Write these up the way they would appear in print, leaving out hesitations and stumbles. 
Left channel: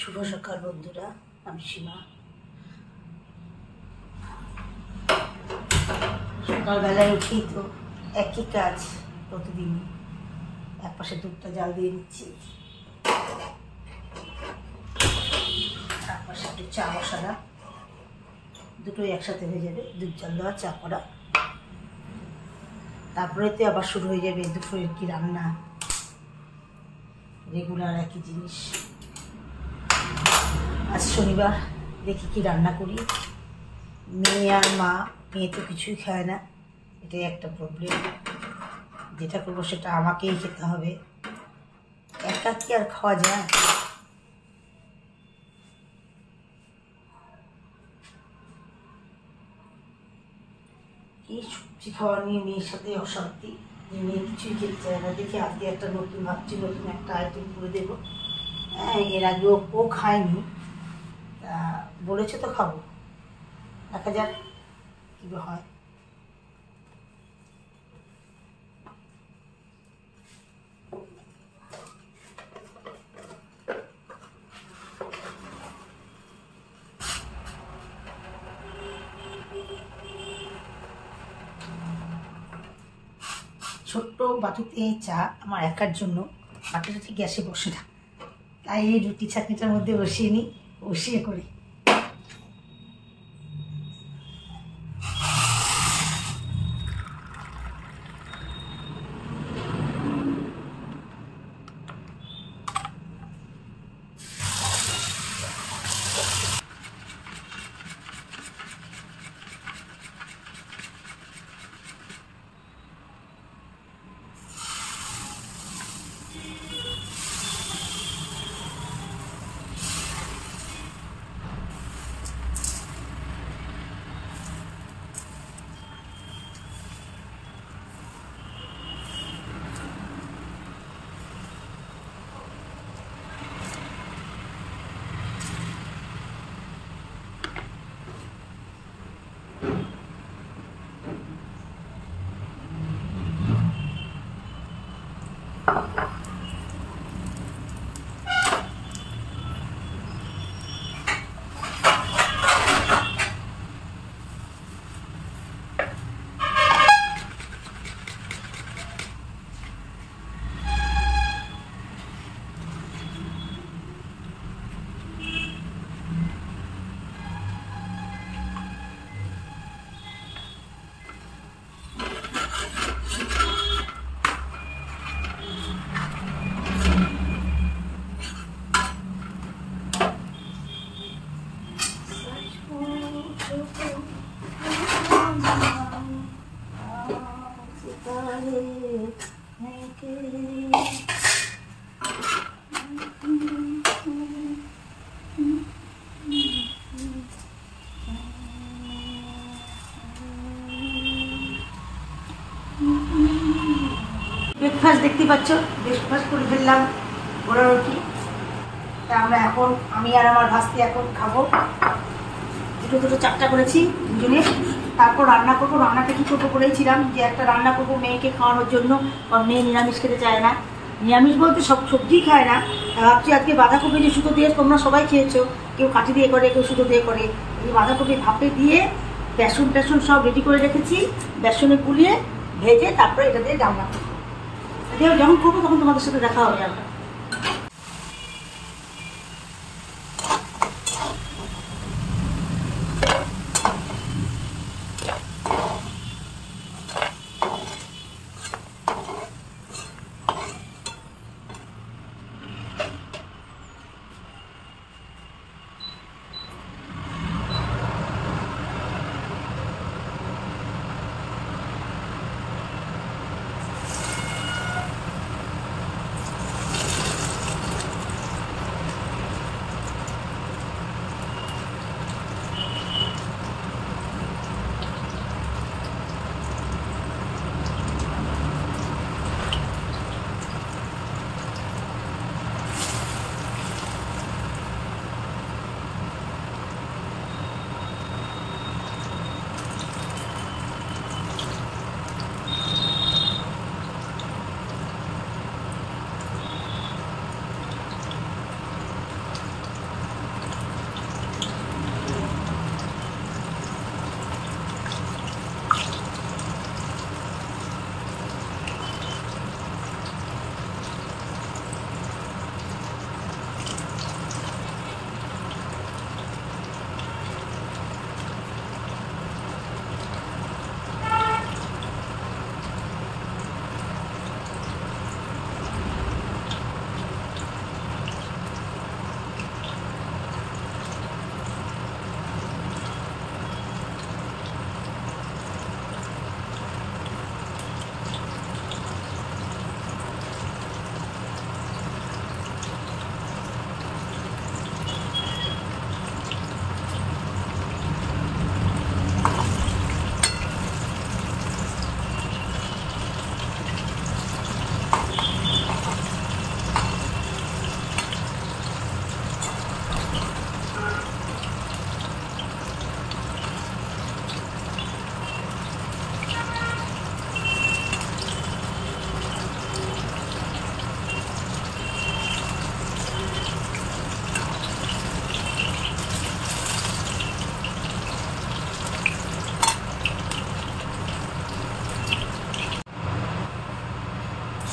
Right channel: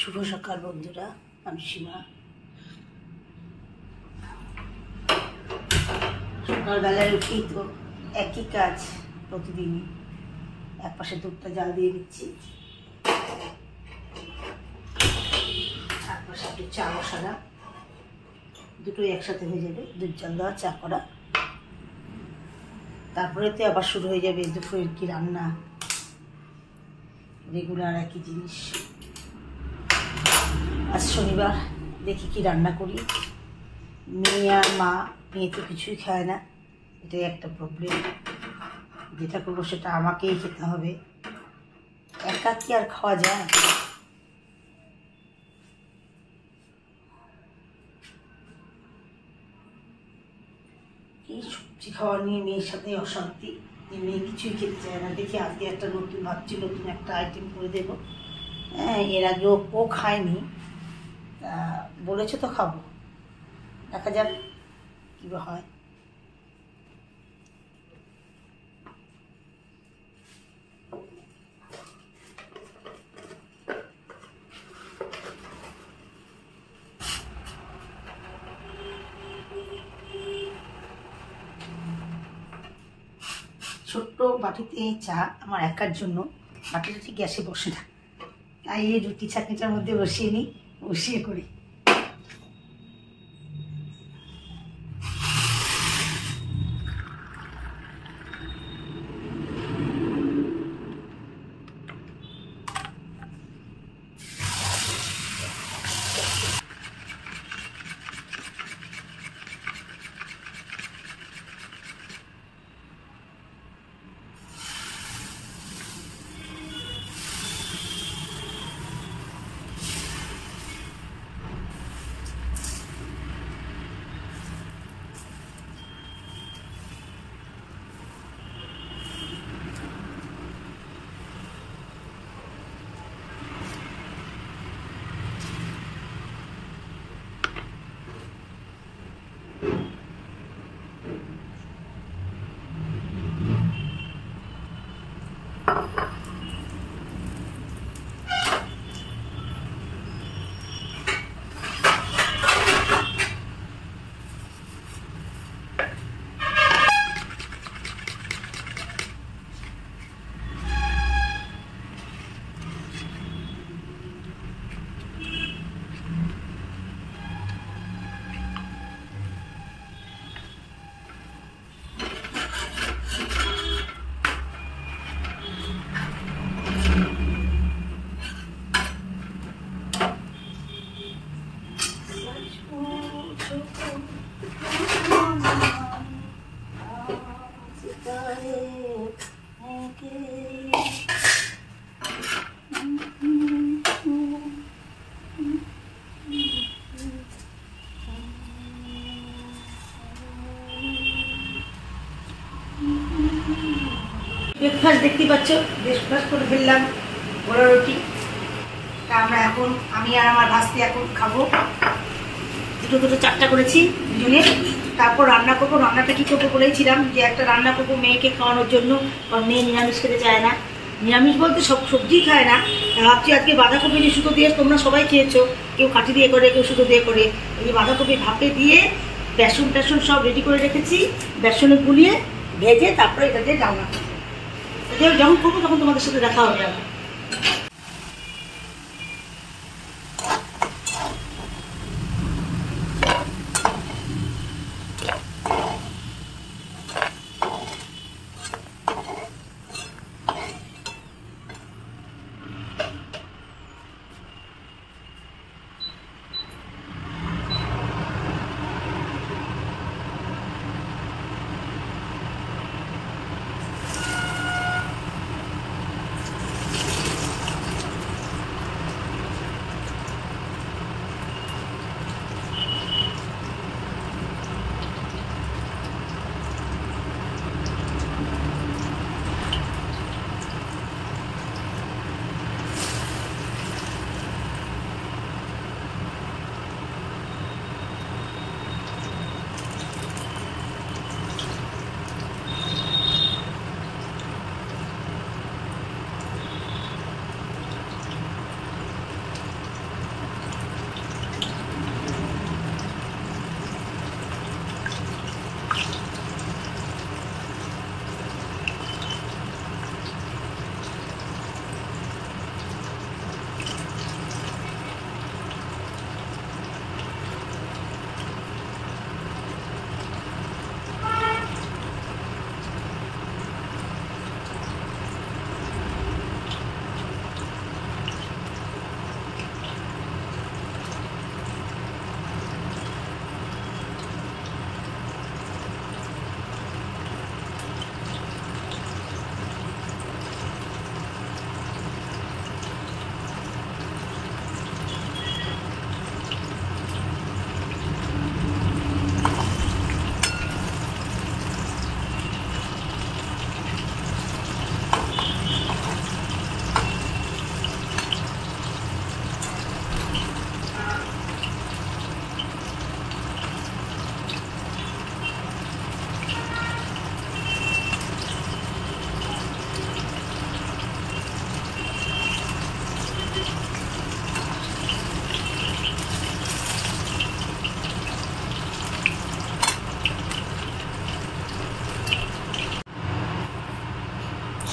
শুভ সকাল বন্ধুরা, আমি সীমা। সকালবেলায় উঠি তো একই কাজ প্রতিদিনই। এক পাশে দুধটা জাল দিয়ে দিচ্ছি, আর পাশে একটু চা বসালাম। দুটোই একসাথে হয়ে যাবে, দুধ জাল দেওয়া, চা করা। তারপরে তো আবার শুরু হয়ে যাবে দুপুরের কি রান্না, রেগুলার একই জিনিস। আজ শনিবার, দেখি কি রান্না করি। মেয়ে আর মা, মেয়ে তো কিছুই খায় না, এটাই একটা প্রবলেম। যেটা করবো সেটা আমাকেই খেতে হবে, একা কি আর খাওয়া যায়? এই সবজি খাওয়া নিয়ে মেয়ের সাথে অশান্তি, যে মেয়ে কিছুই খেতে চায় না। দেখি আজকে একটা নতুন ভাবছি, নতুন একটা আইটেম করে দেবো। হ্যাঁ, এর আগে ও খায়নি, তা বলেছে তো খাবো, দেখা যাক কী হয়। ছোট্ট বাটিতে চা আমার একার জন্য, বাটিটা ঠিক গ্যাসে বসে না, তাই এই রুটি ছাঁকনিটার মধ্যে বসিয়ে নিই, বসিয়ে করি। ব্রেকফাস্ট দেখতে পাচ্ছ, ব্রেকফাস্ট করে ফেললাম, বড় রুটি। তা আমরা এখন, আমি আর আমার ভাস্তি এখন খাবো। দুটো চারটা করেছি দুজনে। তারপর রান্না করবো। রান্নাটা কী করবো করেছিলাম, যে একটা রান্না করবো মেয়েকে খাওয়ানোর জন্য, কারণ মেয়ে নিরামিষ খেতে চায় না। নিরামিষ বলতে সব সবজিই খায় না। ভাবছি আজকে বাঁধাকপি যে সুতো দিয়ে, তোমরা সবাই খেয়েছো, কেউ কাঠি দিয়ে করে, কেউ সুতো দিয়ে করে। এই বাঁধাকপি ভাপে দিয়ে বেসন টেসন সব রেডি করে রেখেছি, বেসনে গুলিয়ে ভেজে তারপরে এটা দিয়ে রান্না করবো। যখন করবো তখন তোমাদের সাথে দেখা হবে আমার।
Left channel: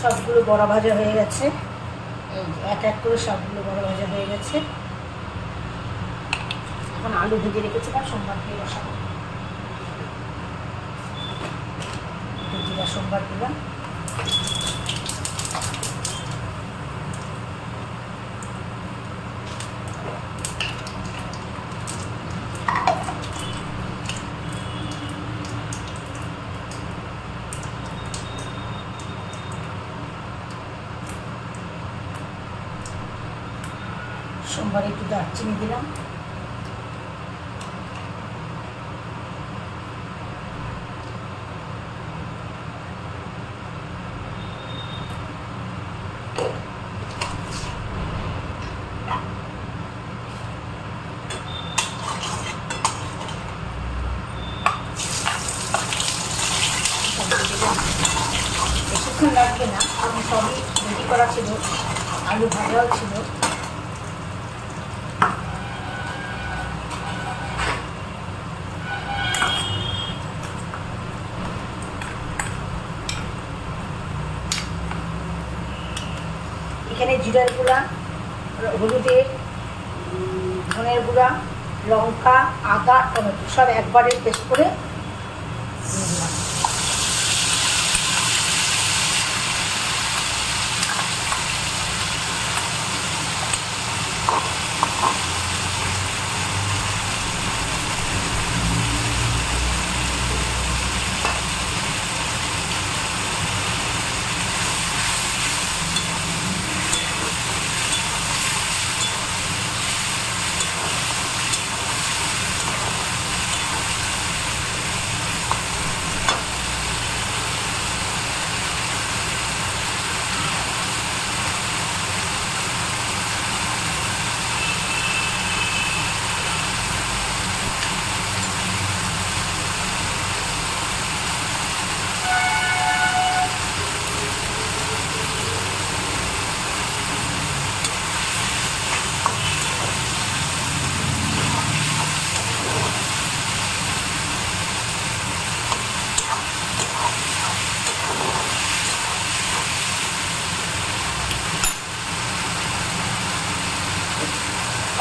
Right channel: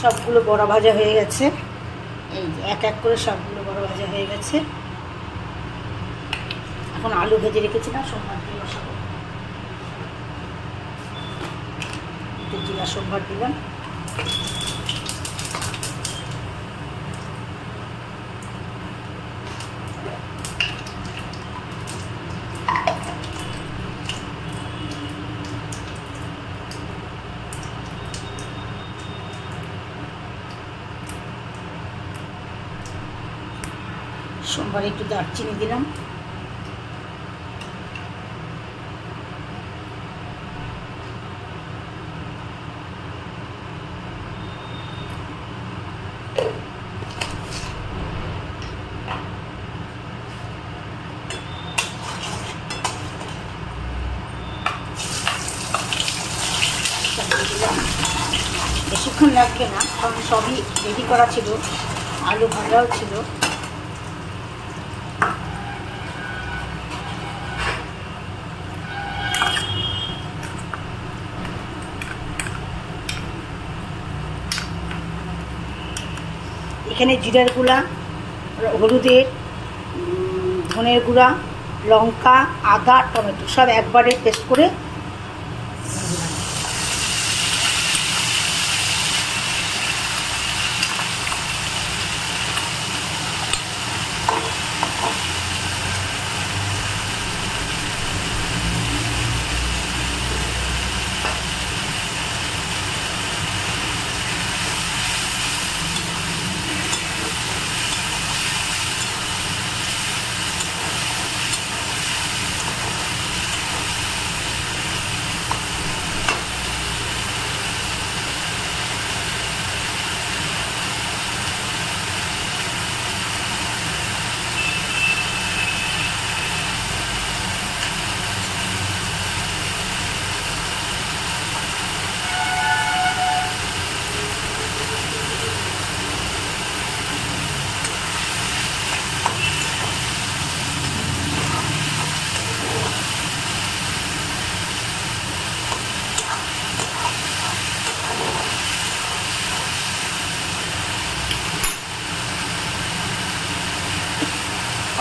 সবগুলো বড় ভাজা হয়ে গেছে। এই যে এক এক করে সবগুলো বড় ভাজা হয়ে গেছে। এখন আলু ভেজে রেখেছিলাম সোমবার দিয়ে বসাবো। একটু জিরা সোমবার দিলাম। সোমবারে একটু দারচিনি দিলাম। বেশিক্ষণ লাগবে না, কারণ সবই রেডি করা ছিল, আলু ভাজাও ছিল। এখানে জিরার গুঁড়া, হলুদের, ধনের গুঁড়া, লঙ্কা, আদা, টমেটো সব একবারে পেস্ট করে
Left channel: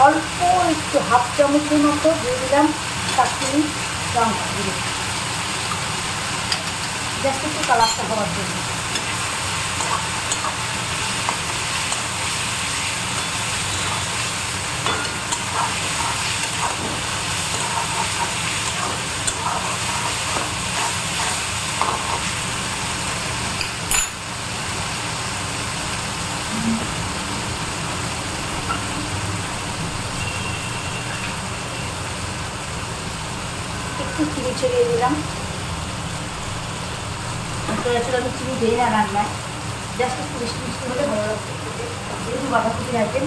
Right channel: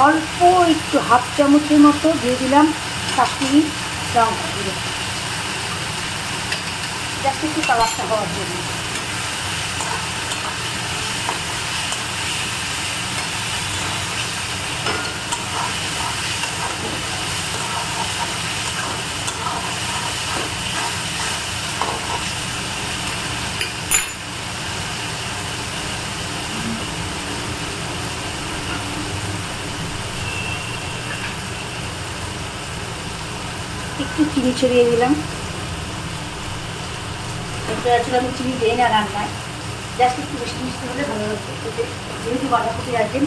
অল্প একটু হাফ চামচের মতো দিয়ে দিলাম কাশ্মীরি লঙ্কা গুঁড়ো, জাস্ট একটু কালারটা হওয়ার জন্য। একটু চিনি ছড়িয়ে দিলাম। আসলে আমি চিনি দিই না রান্নায়, জাস্ট একটু মিষ্টি মিষ্টি হলে ভালো লাগবে। যেহেতু বাঁধাকপি রাখবেন,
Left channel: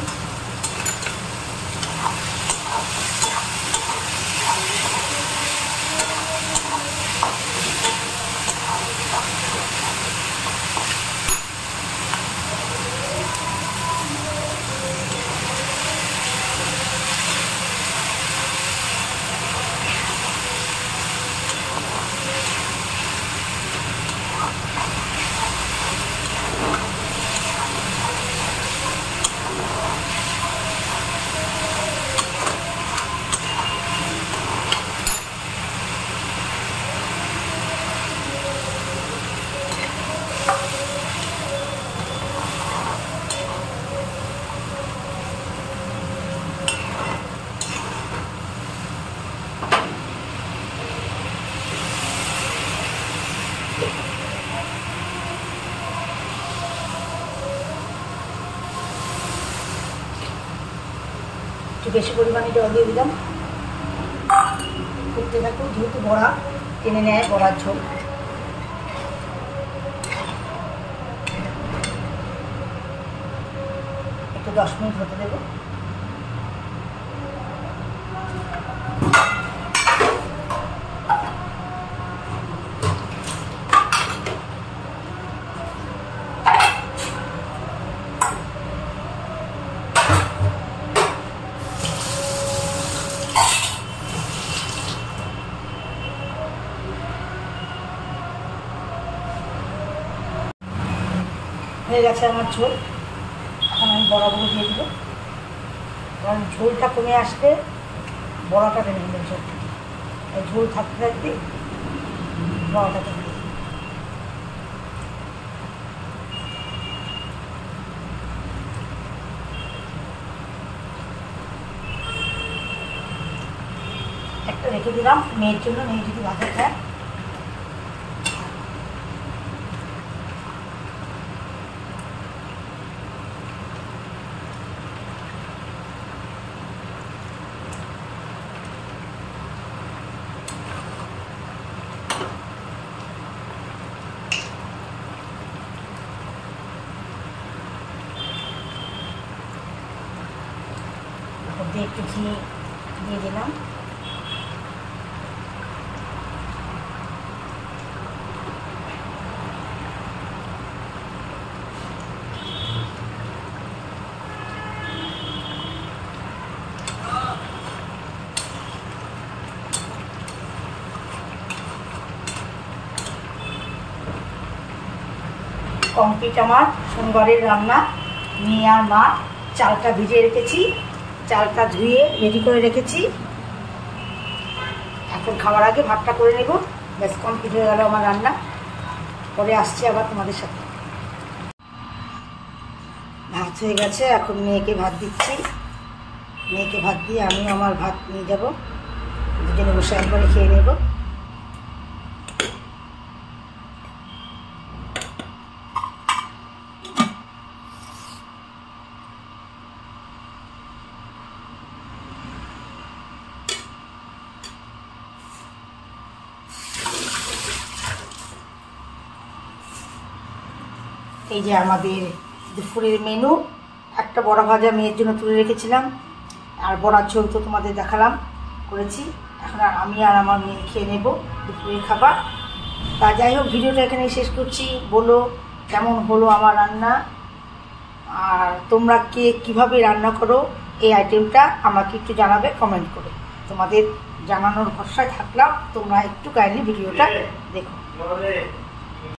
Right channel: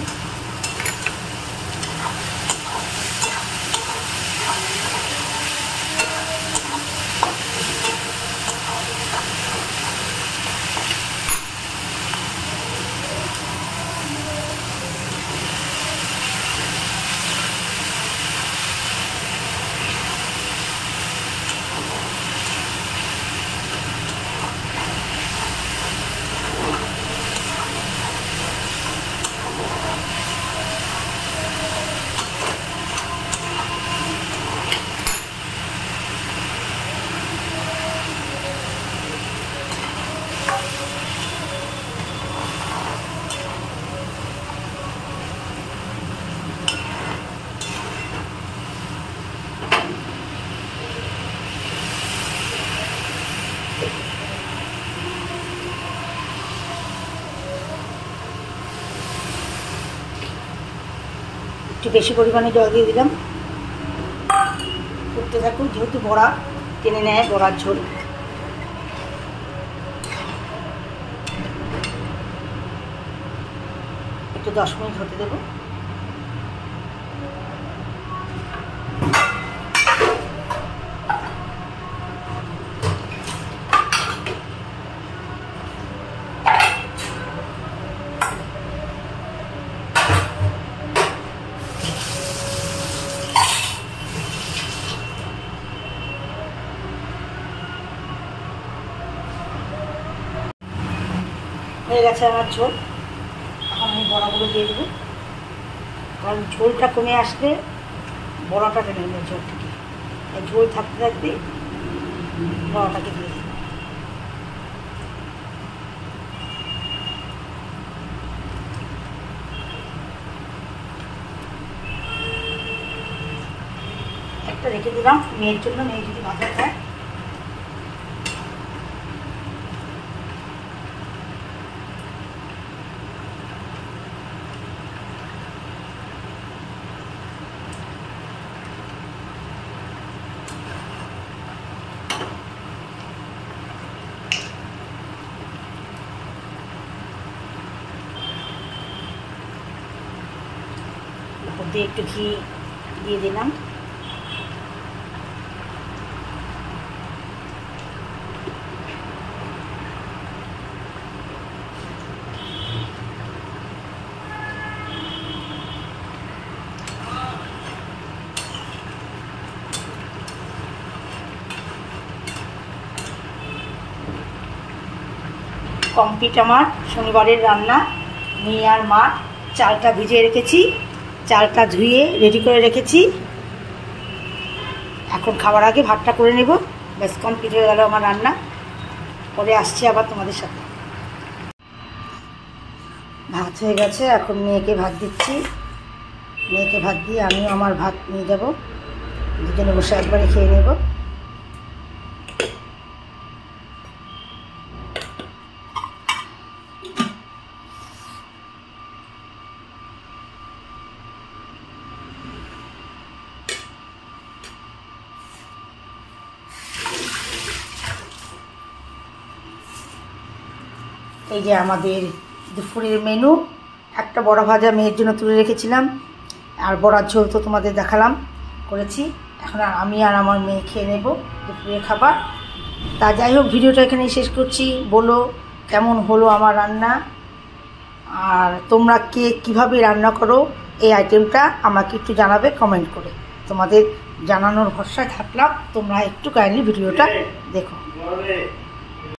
একটু বেশি পরিমাণে জল দিয়ে দিলাম। করতে থাকুন, যেহেতু বড়া টেনে নেয়, বড়ার ঝোল। একটু 10 মিনিট হতে দেবো। হয়ে গেছে আমার ঝোল। এখন আমি বড়াগুলো দিয়ে দেবো, কারণ ঝোলটা কমে আসলে বড়াটা টেনে নেবে ঝোল থেকে। ঝোল থাকতে থাকতে বড়াটাকে দিয়ে দিই। একটা রেখে দিলাম মেয়ের জন্য, মেয়ে যদি ভাজা খায়। একটু ঘি দিয়ে দিলাম। কমপ্লিট আমার শনিবারের রান্না। মেয়ে আর মা চালটা ভিজিয়ে রেখেছি, চালটা ধুয়ে রেডি করে রেখেছি। এখন খাবার আগে ভাতটা করে নেব। বেশ কমপ্লিট হয়ে গেল আমার রান্না। পরে আসছি আবার তোমাদের সাথে। ভাত হয়ে গেছে, এখন মেয়েকে ভাত দিচ্ছি। মেয়েকে ভাত দিয়ে আমিও আমার ভাত নিয়ে যাব, দুজনে বসে একবারে খেয়ে নেব। এই যে আমাদের দুপুরের মেনু। একটা বড়া ভাজা মেয়ের জন্য তুলে রেখেছিলাম, আর বড়ার ঝোল তো তোমাদের দেখালাম করেছি। এখন আমি আর আমার মেয়ে খেয়ে নেব দুপুরের খাবার। তা যাই হোক, ভিডিওটা এখানেই শেষ করছি। বলো কেমন হলো আমার রান্না, আর তোমরা কে কীভাবে রান্না করো এই আইটেমটা আমাকে একটু জানাবে কমেন্ট করে। তোমাদের জানানোর ভরসায় থাকলাম, তোমরা একটু কাইন্ডলি ভিডিওটা দেখো।